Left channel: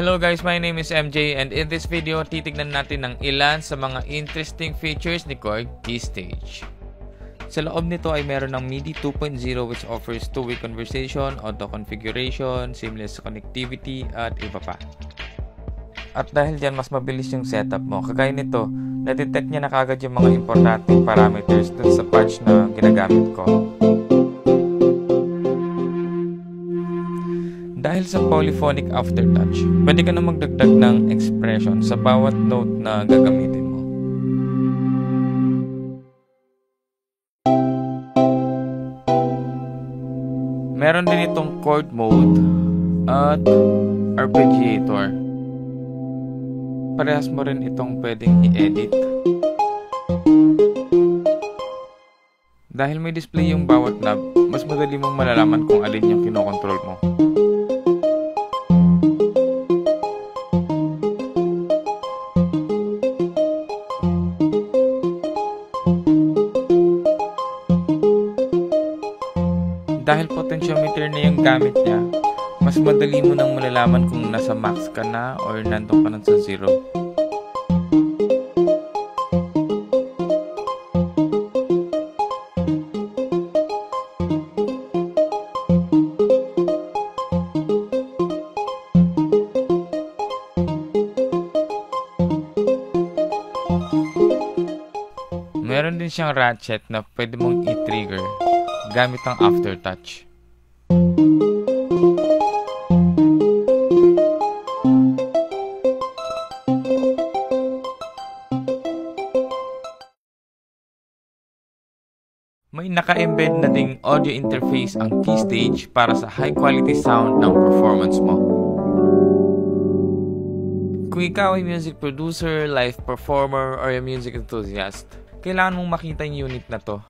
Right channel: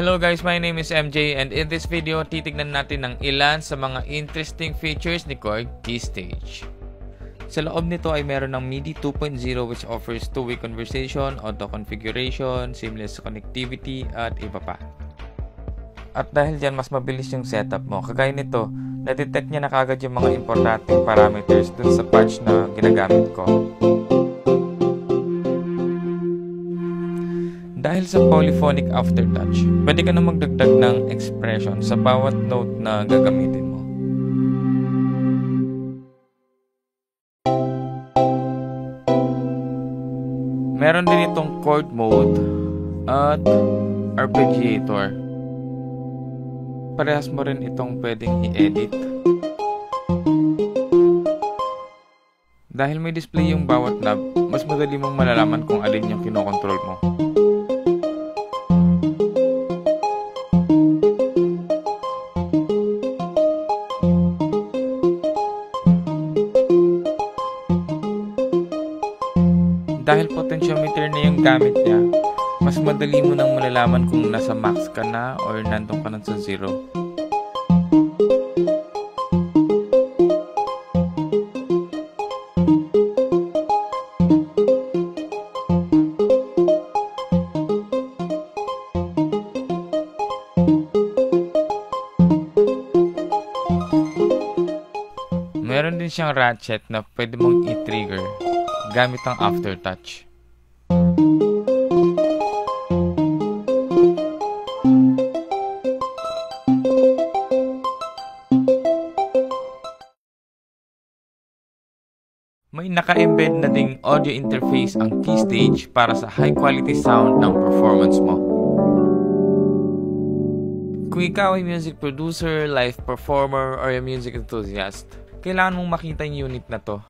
Hello guys, my name is MJ and in this video, titignan natin ng ilan sa mga interesting features ni Korg Keystage. Sa loob nito ay meron ng MIDI 2.0 which offers two-way conversation, auto configuration, seamless connectivity at iba pa. At dahil dyan mas mabilis yung setup mo, kagaya nito, na-detect niya na kagad yung mga importanteng parameters dun sa patch na ginagamit ko. Dahil sa polyphonic aftertouch, pwede ka na magdagdag ng expression sa bawat note na gagamitin mo. Meron din itong chord mode at arpeggiator. Parehas mo rin itong pwedeng i-edit. Dahil may display yung bawat knob, mas madali mong malalaman kung alin yung kinokontrol mo. Dahil potentiometer na yung gamit niya, mas madali mo nang malalaman kung nasa max ka na or nandun ka na sa zero. Meron din siyang ratchet na pwede mong i-trigger gamit ang aftertouch. May naka-embed na ding audio interface ang Keystage para sa high quality sound ng performance mo. Kung ikaw ay music producer, live performer, or a music enthusiast, kailangan mong makita yung unit na to.